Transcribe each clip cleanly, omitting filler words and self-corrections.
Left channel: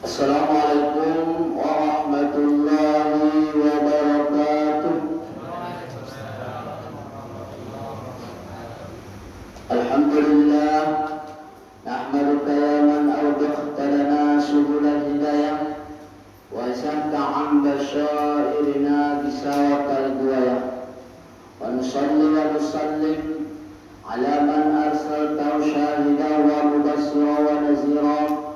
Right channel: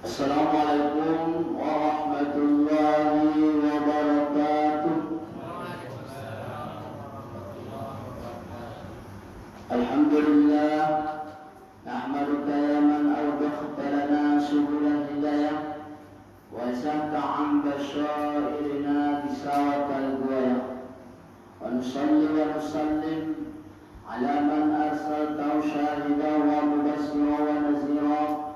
Assalamualaikum warahmatullahi wabarakatuh. Alhamdulillah, nahmaduka ya man awdakhta lana subulal hidayah wa zahta an basyairina bisawatal buayah. Wa nusalli wa nusallim ala man arsaltahu syahidan wa mubassira wa nazira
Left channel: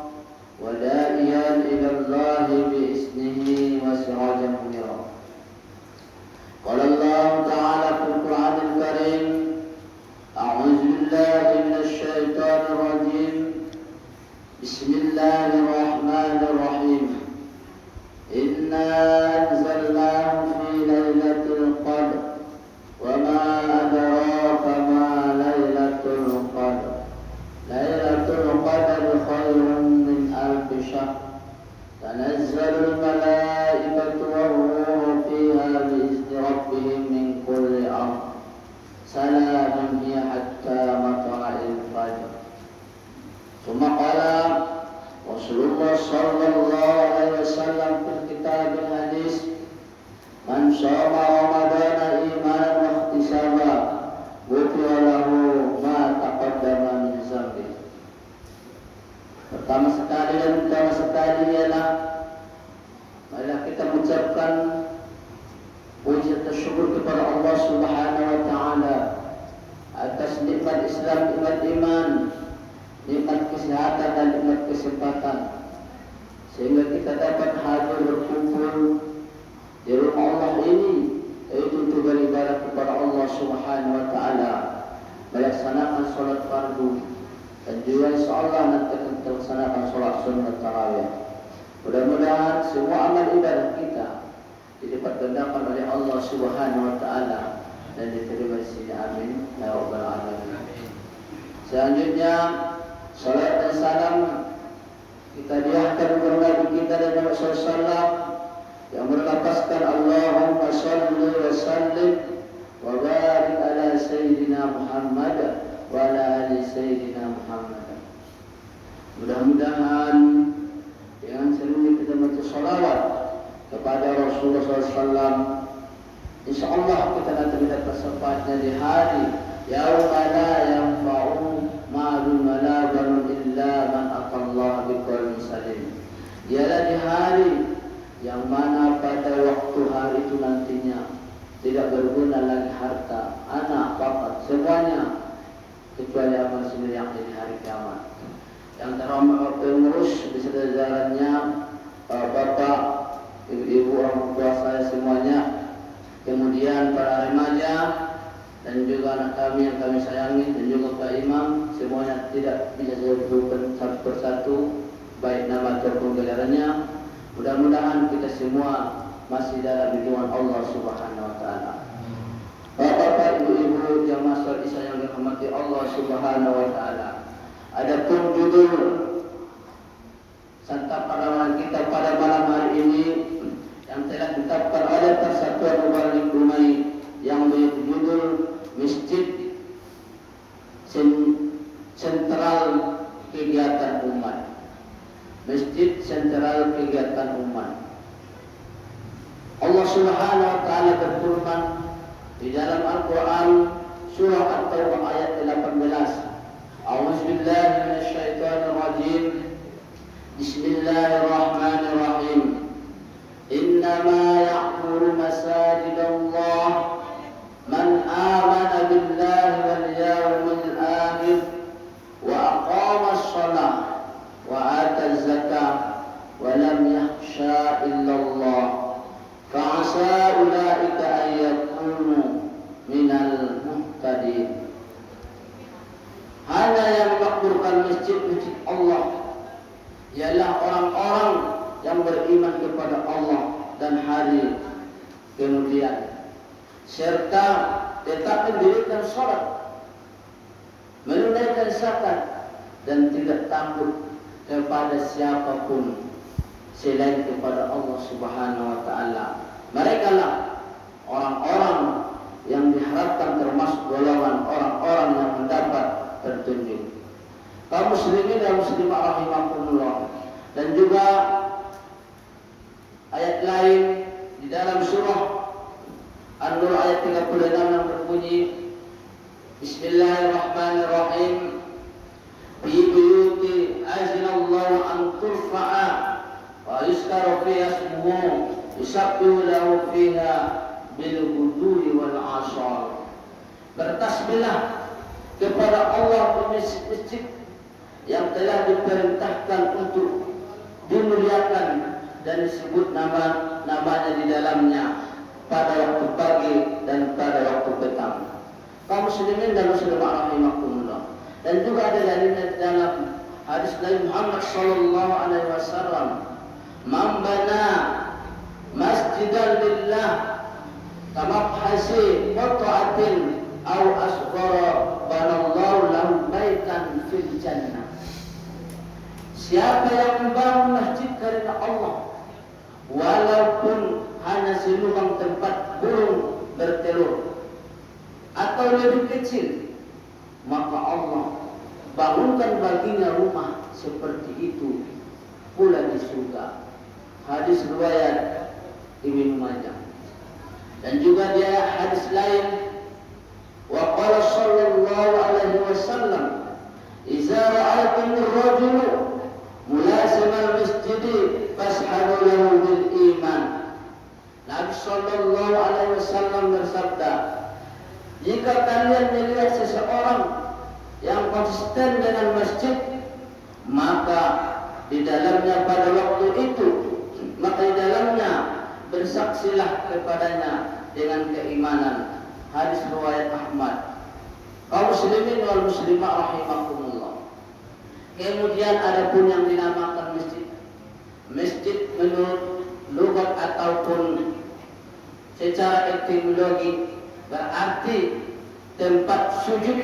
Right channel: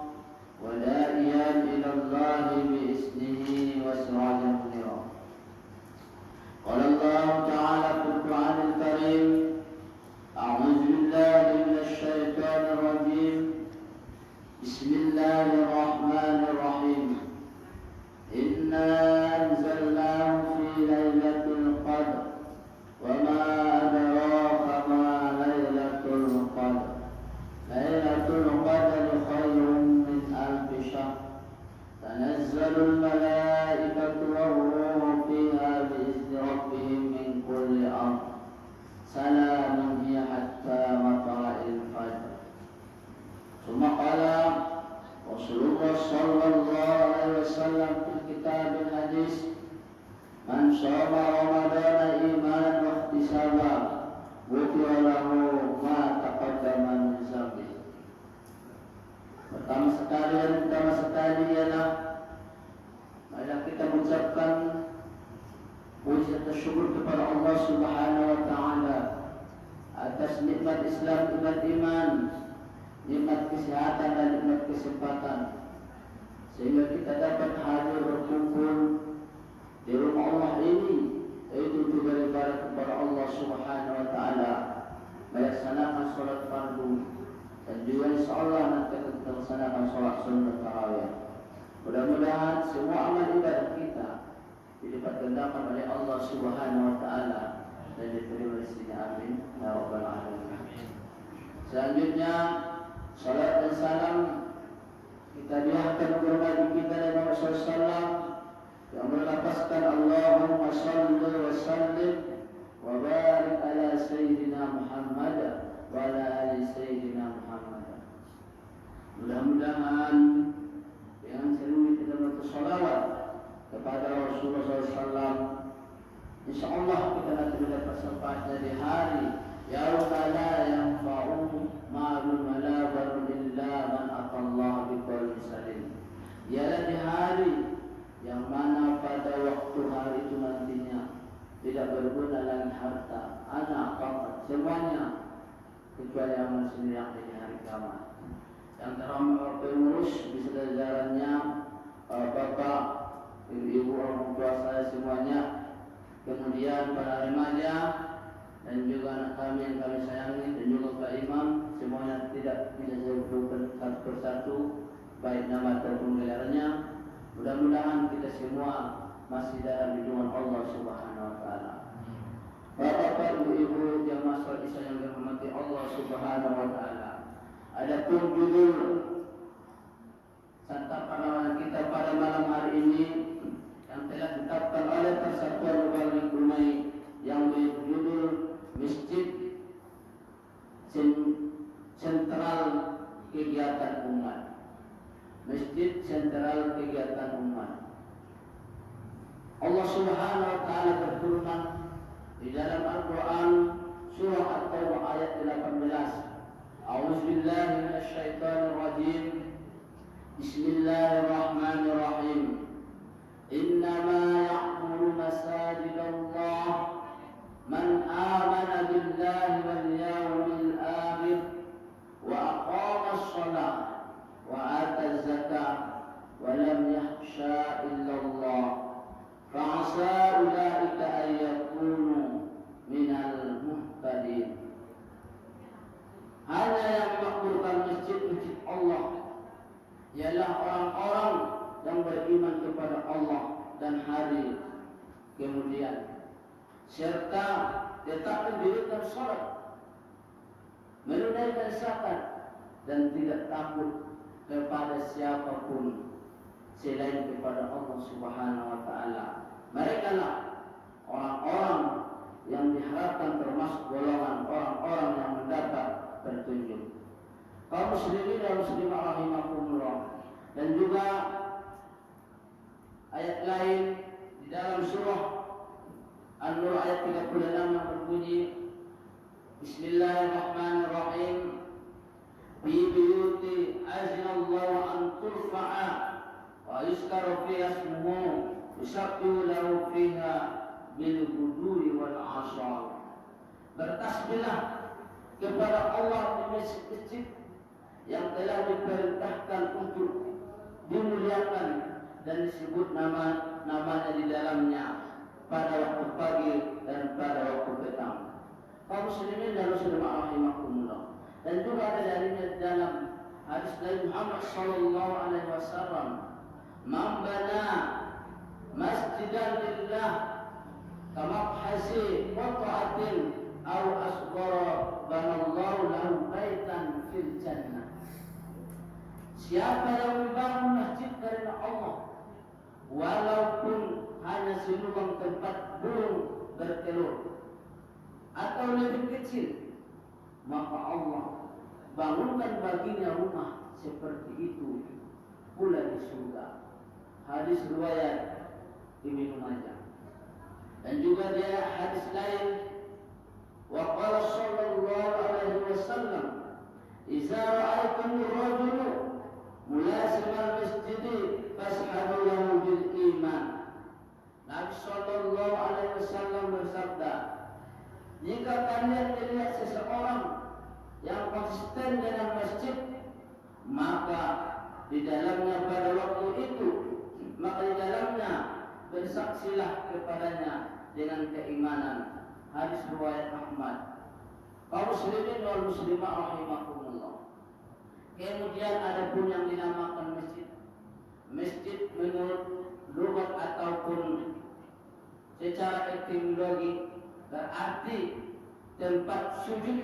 wa da'iyan ila Allah bi'isnihi wa sirajan munira. Qala Allah ta'ala fil Qur'anil Karim, a'udzu billahi minasy syaithanir rajim. Bismillahirrahmanirrahim. Inna anzalnahu fi lailatul qadr wa ma adraka ma lailatul qadr. Lailatul qadr khairun min alfi syahr. Tanazzalul malaikatu war-ruhu fiha bi'izni rabbihim min kulli amr. Salamun hiya hatta matla'il fajr. Tsumma qala Rasulullah sallallahu alaihi wasallam fil kitabil hadis, man shoma ramadana imanan wa ihtisaba ghufira lahu ma taqaddama min dzambi. Pertama sekali dan utama sekali ialah marilah kita mengucapkan puji dan syukur kepada Allah Subhanahu wa taala atas nikmat Islam, nikmat iman, nikmat kesehatan dan nikmat kesempatan, sehingga kita dapat hadir berkumpul di rumah Allah ini, yaitu untuk beribadah kepada Allah Subhanahu wa taala, melaksanakan salat fardu dan juga insyaallah nanti akan kita laksanakan salat sunnah tarawih. Mudah-mudahan semua amal ibadah kita dilipat gandakan oleh Allah Subhanahu wa taala dan diterima di sini. Amin ya rabbal alamin. Selanjutnya salat dan salam kita diahkan kepada Nabi kita dan Nabi sallallahu yang melafazkan Allahumma shalli wa sallim wa barik ala sayyidina Muhammad wa ala ali sayyidina Muhammad. Mudah-mudahan dengan serunya kita baca salawat kepada Rasulullah SAW, insyaallah kita nanti mendapat syafaatnya di hari yauma la yanfa'u malun wala banun illa man atallaha biqalbin salim. Ialah di hari yang mana pada waktu hari itu nantinya tidak berguna lagi harta, anak, bapak, semuanya kecuali amal sendiri yang di hari kiamat. Yang terhormat pengurus beserta jajarannya, bapak, ibu-ibu, orang tua saya semuanya, kemudian para remaja dan juga anak kami yang kami sayangi, dan juga Pak Imam, semuanya tidak bisa saya sebutkan satu persatu baik nama ataupun gelarannya. Mudah-mudahan kita semua masih dalam lindungan Allah Subhanahu wa taala. Bapak-bapak, ibu-ibu, jamaah salat Isya yang dirahmati Allah Subhanahu wa taala. Adapun judul santapan kita pada malam hari ini yang telah ditetapkan oleh Persatuan Mubalik Brunei yang berjudul Masjid Sentral Kegiatan Umat. Masjid Sentral Kegiatan Umat. Allah Subhanahu wa taala berfirman di dalam Al-Qur'an surah At-Taubah ayat 18. A'udzu billahi minasy syaithanir rajim. Bismillahirrahmanirrahim. Innama ya'muru masajidallah man amana billahi wal yawmil akhir wa aqama as-shalah wa ata az-zakah wa lam yakhsha illallah fa'asa ulaika an yakunu minal muhtadin. Hanya yang memakmurkan masjid-masjid Allah ialah orang-orang yang beriman kepada Allah dan hari kemudian, serta tetap mendirikan salat, menunaikan zakat, dan tidak takut kepada siapapun selain kepada Allah Subhanahu wa taala. Mereka lah orang-orang yang diharapkan termasuk golongan orang-orang yang mendapat petunjuk. Kaum muslimin dan muslimah rahimakumullah, dan Dan juga ayat lain di dalam surah An-Nur ayat 36 yang berbunyi Bismillahirrahmanirrahim. Fi buyuti azinallahu an turfa'a wa yuzkaru fiha ismuhu yusabbihu lahu fiha bil ghudwi wal 'ashar. Bertasbihlah kepada Allah di masjid yang telah diperintahkan untuk dimuliakan dan disebut namanya di dalamnya pada waktu pagi dan pada waktu petang. Kaum muslimin dan muslimat rahimakumullah. Dan juga ada dalilnya di dalam hadis Nabi Muhammad sallallahu alaihi wasallam, "Man bana masjidan lillah kama hasi qata'atin aw asghara banallahu lahu baitan fil jannah." Siapa yang membangun masjid karena Allah, walaupun hanya selubang tempat burung bertelur atau lebih kecil, maka Allah bangunkan baginya rumah seperti itu pula di surga. Hadis riwayat Ibnu Majah. Dan juga dia hadis lain, wa qala sallallahu alaihi wasallam, "Idza ra'aytumur rajula mulazimal masjid fashhadu lahu bil iman." Nabi sallallahu alaihi wasallam bersabda, jika kalian melihat seseorang yang konsisten dengan masjid, maka di dalamnya pada waktu itu, maka di dalamnya bersaksilah kepadanya dengan keimanan. Hadis riwayat Ahmad. Kaum muslimin wal muslimat rahimakumullah. Kemudian ada pun yang dinamakan masjid. Masjid menurut lughat ataupun secara etimologi berarti tempat sujud,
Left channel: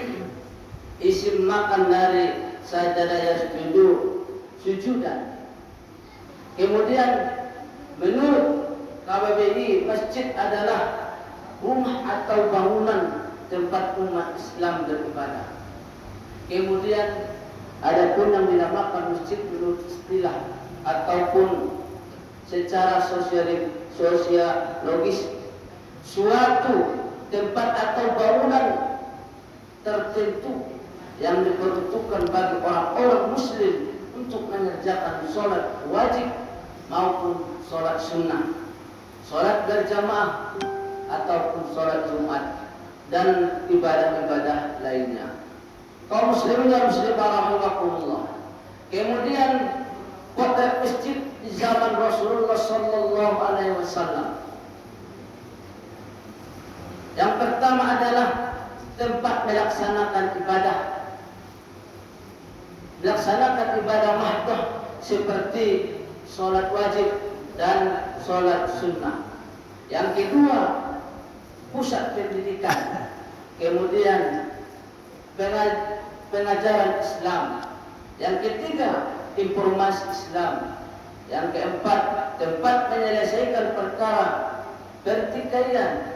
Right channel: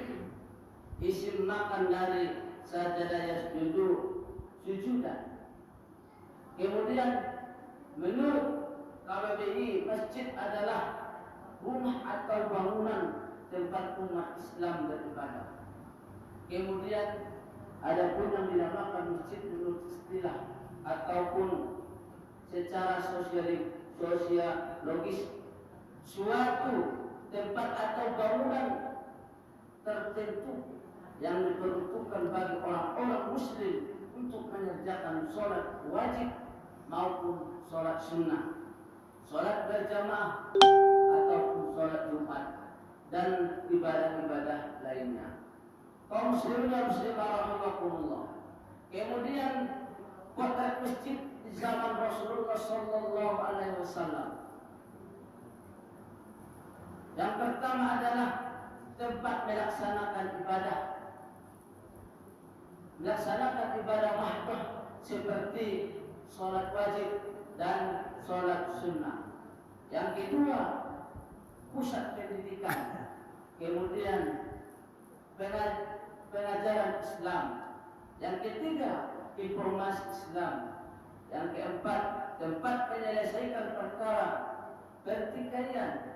isim makan dari sajada yasjudu, sujudan. Kemudian menurut KBBI, masjid adalah rumah atau bangunan tempat umat Islam beribadah. Kemudian ada pun yang dinamakan masjid menurut istilah ataupun secara sosiologis, suatu tempat atau bangunan tertentu yang diperuntukkan bagi orang-orang muslim untuk mengerjakan sholat wajib maupun sholat sunnah, sholat berjamaah ataupun sholat Jumat dan ibadah-ibadah lainnya. Kaum muslimin dan muslimat rahimakumullah. Kemudian kota masjid di zaman Rasulullah sallallahu alaihi wasallam. Yang pertama adalah tempat melaksanakan ibadah. Melaksanakan ibadah mahdoh seperti sholat wajib dan sholat sunnah. Yang kedua, pusat pendidikan. Kemudian pengajaran Islam. Yang ketiga, informasi Islam. Yang keempat, tempat menyelesaikan perkara pertikaian,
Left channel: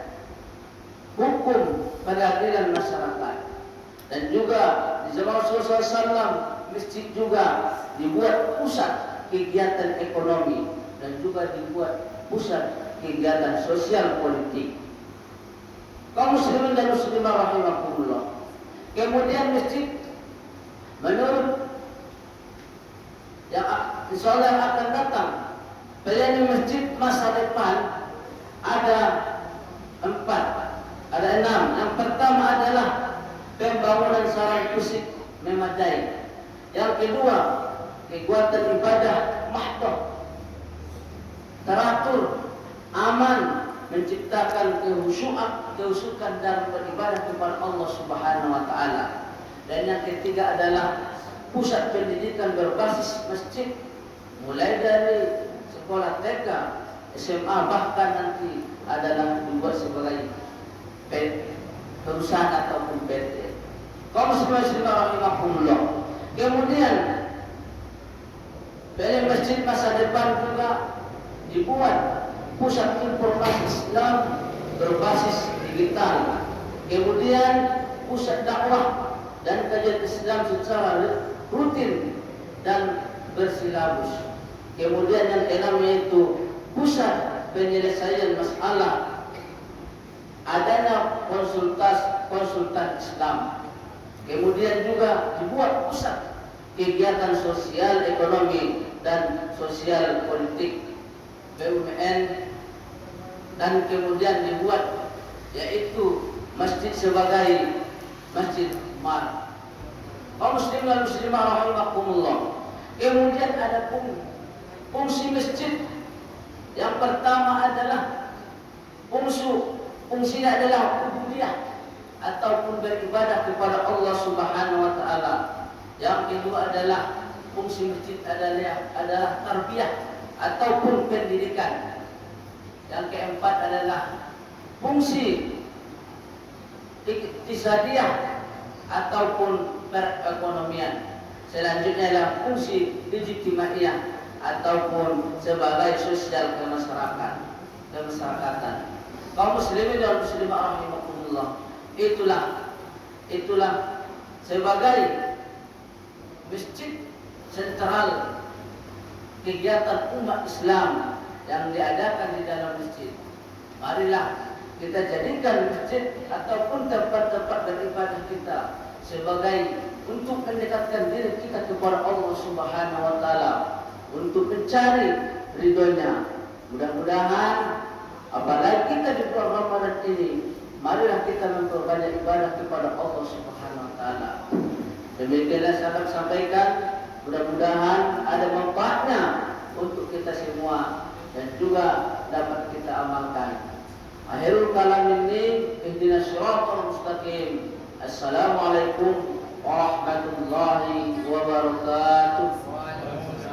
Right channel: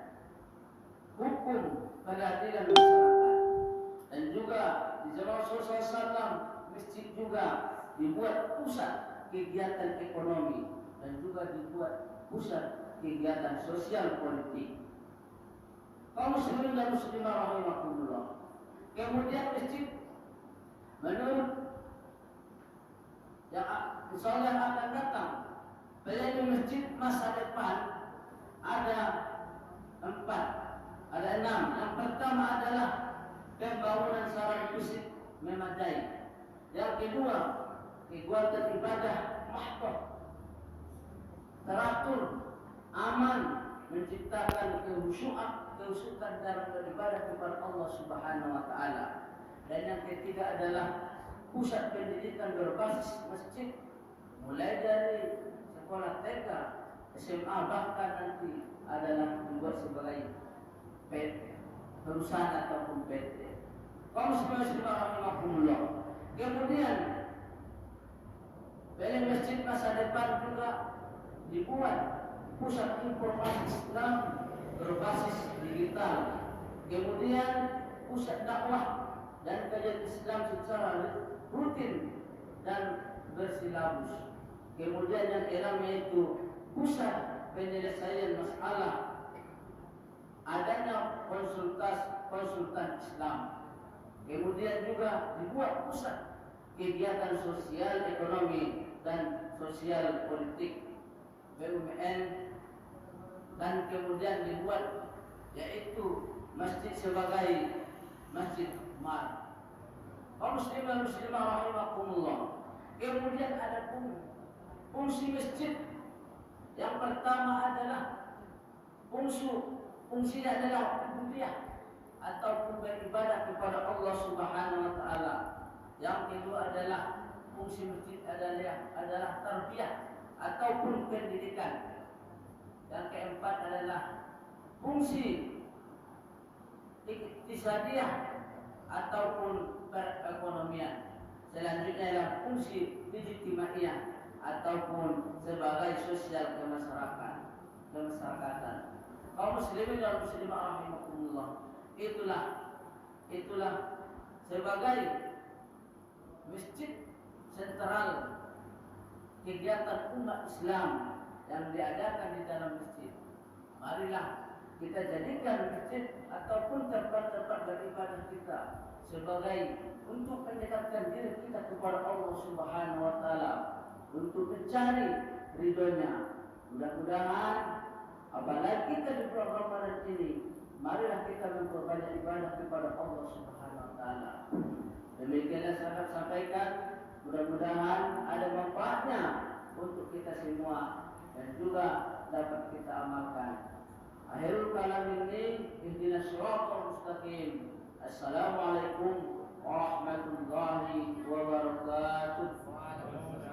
hukum, peradilan masyarakat. Dan juga di zaman Rasulullah SAW, masjid juga dibuat pusat kegiatan ekonomi dan juga dibuat pusat kegiatan sosial politik. Kaum muslimin dan muslimah rahimakumullah. Kemudian masjid menurut yang insyaallah yang akan datang, pelayanan masjid masa depan ada 6. Yang pertama adalah pembangunan sarana fisik memadai. Yang kedua, kegiatan ibadah mahdoh, teratur, aman, menciptakan kehusukan dalam beribadah kepada Allah Subhanahu wa taala. Dan yang ketiga adalah pusat pendidikan berbasis masjid, mulai dari sekolah TK, SMA, bahkan nanti adalah dibuat sebagai perusahaan ataupun PT. Kaum muslimin rahimahumullah. Kemudian dari masjid masa depan juga dibuat pusat informasi Islam berbasis digital. Kemudian pusat dakwah dan kajian Islam secara rutin dan bersilabus. Kemudian yang keenam yaitu pusat penyelesaian masalah, adanya konsultan Islam. Kemudian juga dibuat pusat kegiatan sosial ekonomi dan sosial politik BUMN, dan kemudian dibuat yaitu masjid sebagai masjid Umar. Kaum muslimin dan muslimah rahimakumullah. Kemudian ada fungsi masjid. Yang pertama adalah fungsinya adalah ubudiyah ataupun beribadah kepada Allah Subhanahu wa taala. Yang kedua adalah fungsi masjid adalah tarbiyah ataupun pendidikan. Yang keempat adalah fungsi iktisadiyah ataupun perekonomian. Selanjutnya adalah fungsi ijtimaiyah ataupun sebagai sosial kemasyarakatan. Kaum muslimin dan muslimah rahimakumullah, itulah sebagai masjid sentral kegiatan umat Islam yang diadakan di dalam masjid. Marilah kita jadikan masjid ataupun tempat-tempat beribadah kita sebagai untuk mendekatkan diri kita kepada Allah Subhanahu wa taala, untuk mencari ridhonya. Mudah-mudahan apalagi kita di bulan Ramadan ini, marilah kita memperbanyak ibadah kepada Allah Subhanahu wa taala. Demikianlah saya sampaikan, mudah-mudahan ada manfaatnya untuk kita semua dan juga dapat kita amalkan. Akhirul kalam ini, ihdinas siratal mustaqim. Assalamualaikum warahmatullahi wabarakatuh.